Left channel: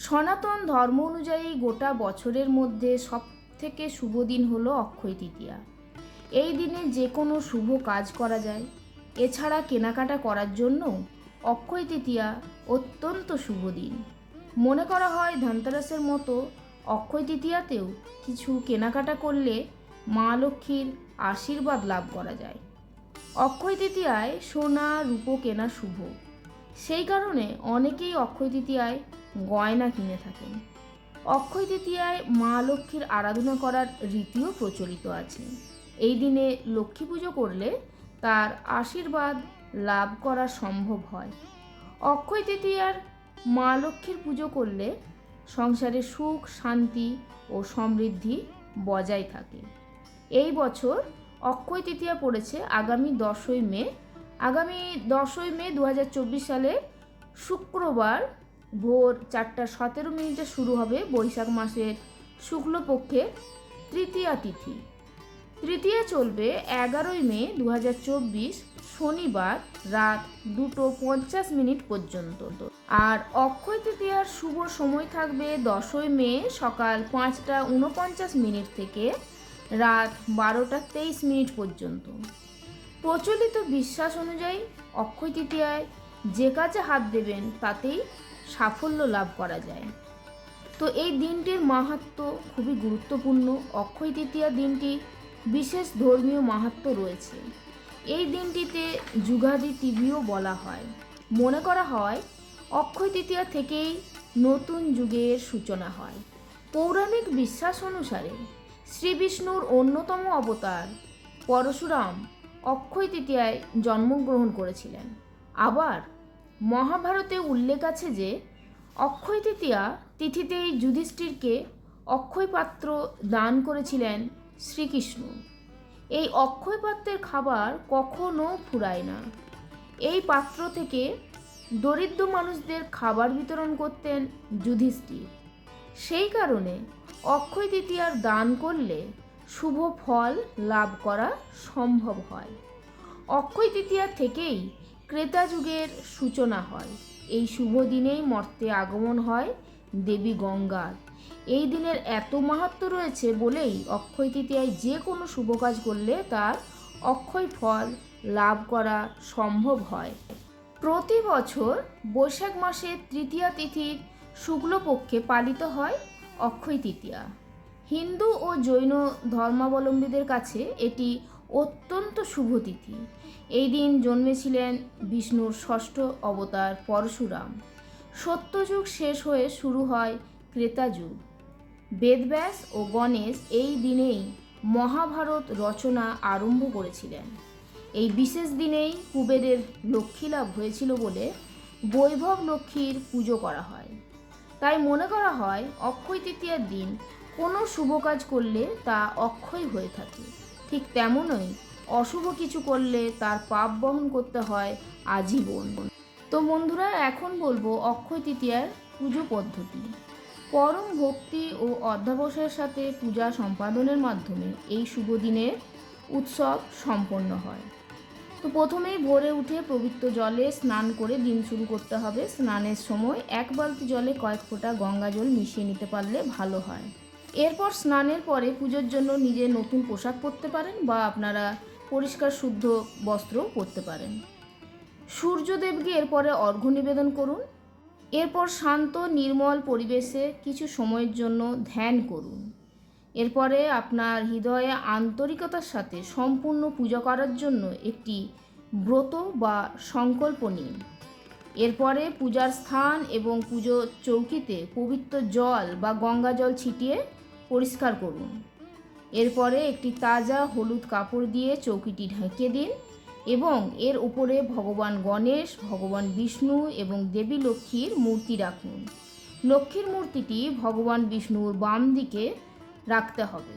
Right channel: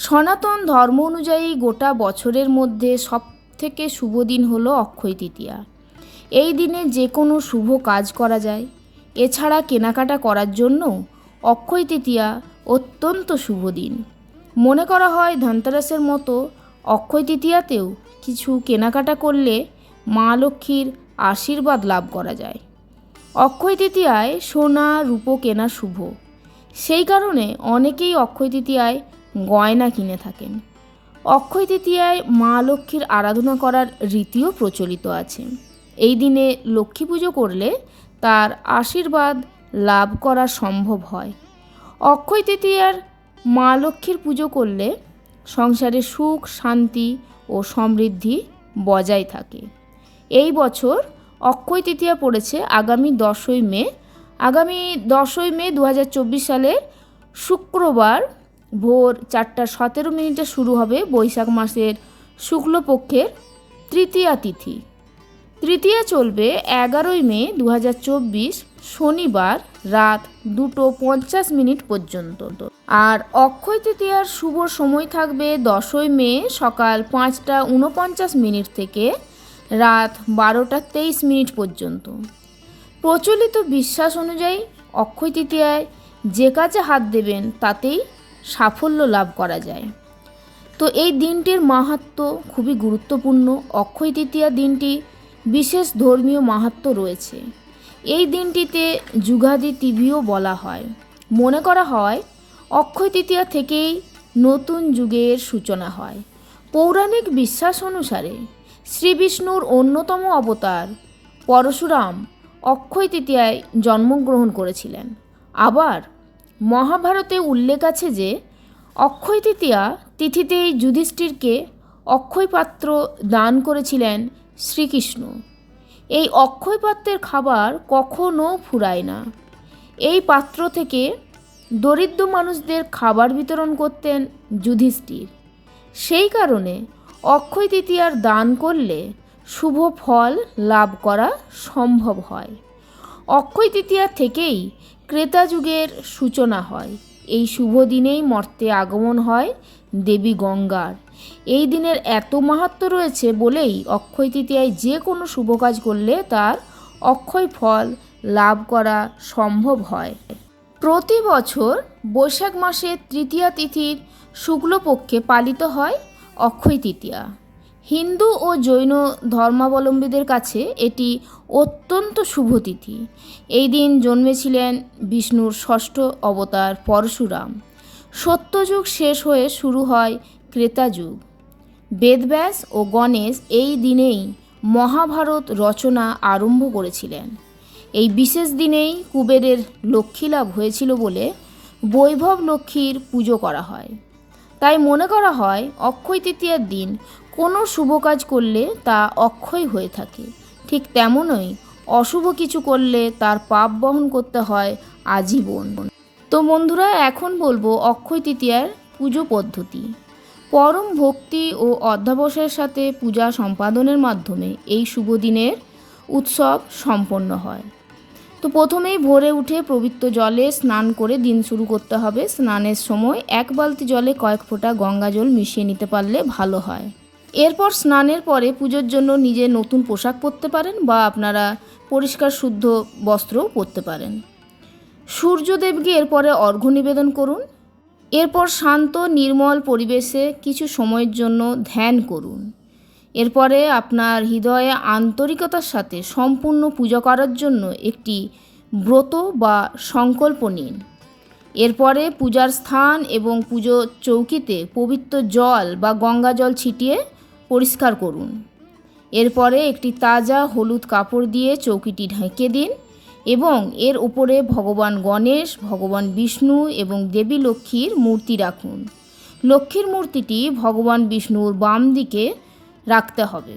সনাতন ধর্ম অনুযায়ী গোটা বছরের মধ্যে সব থেকে শুভ দিন হলো অক্ষয় তৃতীয়া। এই দিনে যে কোনো শুভ কাজ করা যায়। এছাড়া কেনাকাটা করার জন্য অক্ষয় তৃতীয়া অত্যন্ত শুভ দিন। মনে করা হয় ধনতেরাসের মতো অক্ষয় তৃতীয়াতেও কিছু কেনাকাটা করলে মা লক্ষ্মীর আশীর্বাদ লাভ করা যায়। অক্ষয় তৃতীয়ায় সোনা, রূপো কেনা শুভ। সেই কারণে অনেকেই অক্ষয় তৃতীয়ায় গয়না কিনে থাকেন। অক্ষয় তৃতীয়ায় মা লক্ষ্মীর আরাধনা করার রীতিও প্রচলিত আছে। এই দিনে লক্ষ্মী পুজো করলে তার আশীর্বাদ লাভ করা সম্ভব হয়। অক্ষয় তৃতীয়ার মা লক্ষ্মীর পুজো করলে সংসারে সুখ, শান্তি ও সমৃদ্ধি বজায় থাকে। এই বছর অক্ষয় তৃতীয়া পড়েছে আগামী দশই মে। আগামী দশই মে দু হাজার চব্বিশ সালে শুক্রবার ভোর চারটা সতেরো মিনিটে শুরু হবে বৈশাখ মাসের শুক্লপক্ষের তৃতীয়া তিথি। তৃতীয়া চলবে এগারোই মে দু হাজার চব্বিশ শনিবার রাত দুটো পঞ্চাশ মিনিট পর্যন্ত। আর অক্ষয় তৃতীয়ার শুভ সময় থাকবে দশই মে সকাল পাঁচটা উনপঞ্চাশ মিনিট থেকে রাত বারোটা তেইশ মিনিট পর্যন্ত। প্রচলিত বিশ্বাস অনুযায়ী অক্ষয় তৃতীয়ায় যে কাজে হাত দেবেন তাতেই সাফল্য লাভ করা যায়। তো এই দিনটির মাহাত্ম খুবই গুরুত্বপূর্ণ। অক্ষয় তৃতীয়া দিনটি বিশেষ ধর্মীয় মাহাত্ম রয়েছে। এই দিনটিতে যুগাদি তিথিও বলা হয়। মনে করা হয়, অক্ষয় তৃতীয়া থেকেই নতুন যুগের সূচনা হয়। পৌরাণিক বিশ্বাস অনুসারে শ্রী বিষ্ণুর অন্যতম অবতার পরশুরাম অক্ষয় তৃতীয়ায় জন্মগ্রহণ করেছিলেন। আবার মহাভারতে উল্লেখ আছে যে, অক্ষয় তৃতীয়া তিথিতেই যুধিষ্ঠিরকে অক্ষয় পাত্র দান করেছিলেন শ্রীকৃষ্ণ। এই অক্ষয় পাত্রের খাবার কখনো ফুরায় না। এই পাত্র থেকে দরিদ্র মানুষদের খাবার বিতরণ করতেন যুধিষ্ঠির। সেই কারণে অক্ষয় তৃতীয়ার দান করলে শুভ ফল লাভ করা সম্ভব হয়। অক্ষয় তৃতীয়া থেকেই ক্রেতা যুগের সূচনা হয়। এই শুভ দিনেই মর্তে আগমন হয় দেবী গঙ্গার। এই দিনের এত মাহাত্ম রয়েছে বলেই অক্ষয় তৃতীয়ায় যে কোনো শুভ কাজ করলে তার অক্ষয় ফল লাভ করা সম্ভব হয়। প্রতি বছর বৈশাখ মাসের তৃতীয়া তিথির শুক্লপক্ষে পালিত হয় অক্ষয় তৃতীয়া। হিন্দু ও জৈন ধর্মাবলম্বীদের কাছে এটি অত্যন্ত শুভ তিথি। এই দিন জন্মেছিলেন বিষ্ণুর ষষ্ঠ অবতার পরশুরাম। সত্যযুগ শেষ হয়ে শুরু হয় ক্রেতা যুগ বেদব্যাস ও গণেশ এই দিনেই মহাভারত রচনা আরম্ভ করেছিলেন। এই বিশেষ দিনেই কুবেরের লক্ষ্মীলাভ হয়েছিল বলে বৈভব লক্ষ্মীর পুজো করা হয়। তাই মনে করা হয়, অক্ষয় তৃতীয়ার দিন কোনো শুভ কাজ করলে তা অক্ষয় হয়ে থাকে। ঠিক তেমনই। অশুভ কিছু করলে তার পাপ বহন করতে হয় আজীবন। তো বন্ধুরা, এখন বলব অক্ষয় তৃতীয়ার পুজো পদ্ধতি। পরম ভক্তি ও অধ্যাবসায়ের সাথে পূজা সম্পাদনের মাধ্যমে এই শুভ দিনের উৎসব সম্পন্ন হয়। তো প্রথমেই ভোরে উঠে পবিত্র জলে স্নান করে দিন শুরু করতে হবে। স্নানের সময় এক বালতি জলে কয়েক ফোঁটা গঙ্গা জল মিশিয়ে নিতে পারলে ভালো হয়। এরপর স্নানের পরে পুজোর জন্য নিজে নতুন পোশাক পরতে পারেন বা আপনারা পরিষ্কার শুদ্ধ বস্ত্রও পরতে পারেন। সূর্যদেবকে এরপরে অর্ঘ্য নিবেদন করুন। এরপর শান্ত, নির্মল পরিবেশে কিছু সময়ের জন্য ধ্যান করুন। এরপরে আপনার হৃদয়ে আন্তরিকতার সাথে সম্পূর্ণ পূজা করার জন্য একটি ব্রত বা সংকল্প নিন। এরপরে পূজার স্থান এবং পুজো চৌকিতে পবিত্র জল বা গঙ্গা জল ছিটিয়ে পরিষ্কার করুন। এরপরে একটি তাজা হলুদ কাপড় দিয়ে চৌকিটি ঢেকে দিন এবং এর উপরে ভগবান গণেশ, ভগবান বিষ্ণু এবং দেবী লক্ষ্মীর মূর্তি রাখুন। লক্ষ্মীর মূর্তিটি ভগবান বিষ্ণুর বাম দিকে রাখতে হবে।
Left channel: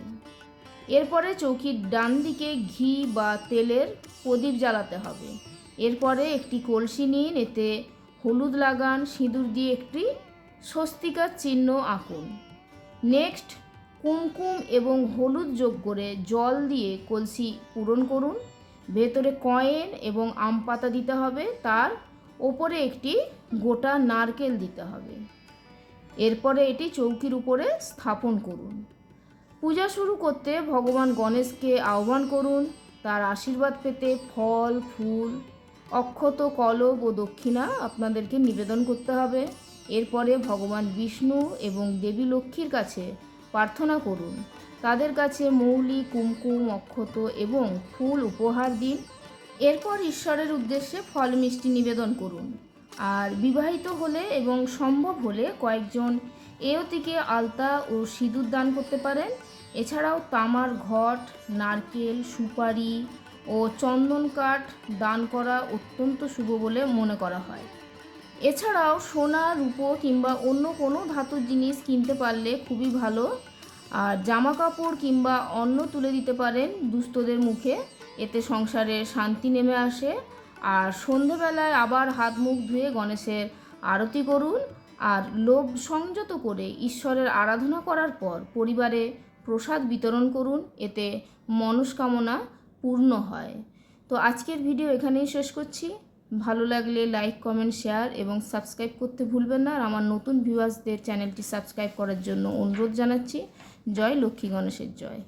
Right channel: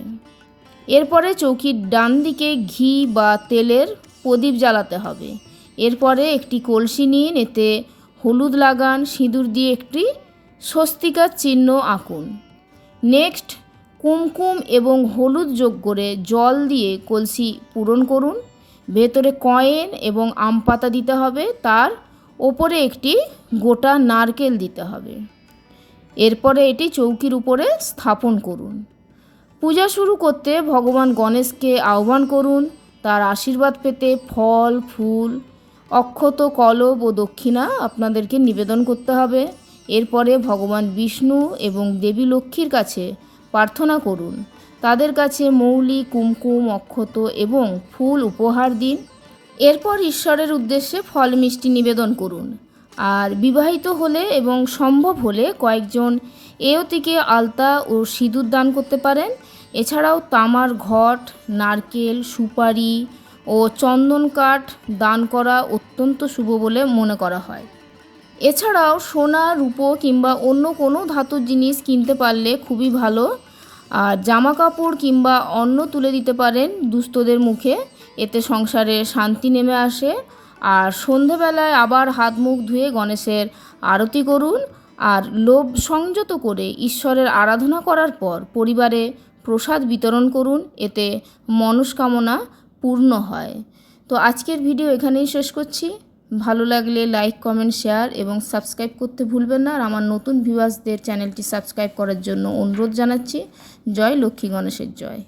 এরপরে চৌকির ডান দিকে ঘি বা তেলের প্রদীপ জ্বালাতে হবে। এরপরে একটি কলসি নিন, এতে হলুদ লাগান, সিঁদুর দিয়ে একটি স্বস্তিকার চিহ্ন আঁকুন। নেক্সট কুমকুম এবং হলুদ যোগ করে জল দিয়ে কলসি পূরণ করুন। ভেতরে কয়েন এবং আম পাতা দিতে হবে। তার ওপরে একটি গোটা নারকেল দিতে হবে। এরপরে এটি চৌকির উপরে স্থাপন করুন। পূজা শুরু করতে ভগবান গণেশকে আহ্বান করুন। তার আশীর্বাদ পেতে ফল, ফুল, অক্ষত, কলব ও দক্ষিণা আপনাদেরকে নিবেদন করতে হবে। এরপরে ভগবান বিষ্ণু এবং দেবী লক্ষ্মীর কাছে প্রার্থনা করুন। তাদের কাছে মৌলি, কুমকুম, অক্ষত এবং ফুল উপহার দিন। এরপর ঈশ্বরের উদ্দেশ্যে ফল মিষ্টি নিবেদন করুন। আর বিবাহিত হলে এবং সম্ভব হলে কয়েকজন এয়তিকে আলতা ও সিঁদুর দান করতে পারেন। এছাড়াও তামার ঘট, নারকেল, সুপারি ও চন্দন কাঠ দান করা অত্যন্ত শুভ বলে মনে করা হয়। এছাড়াও সোনা, রূপো কিংবা অন্য কোনো ধাতুর জিনিস কিনতে পারলে খুবই ভালো। আর জামা কাপড় কিংবা অন্ন তুলে দিতে পারেন দুস্থদের মুখে, এতে সংসারে শান্তি নেমে আসে। আর সন্ধেবেলায় আবার হাত মুখ ধুয়ে গণেশের আরতি করুন। আর লোভ সংযত করে ঈশ্বরের আরাধনা করার পর পরিবারে প্রসাদ বিতরণ করুন, এতে মনস্কামনা পূর্ণ হয়। তো আজকের ভিডিও এখানেই শেষ করছি। ভালো লাগলে লাইক কমেন্ট শেয়ার এবং সাবস্ক্রাইব করতে ভুলবেন না। আর আমার নতুন ভিউয়ার্সদের চ্যানেলটি সাবস্ক্রাইব করার জন্য অনুরোধ জানাচ্ছি। জয় লক্ষ্মী গণেশের জয়।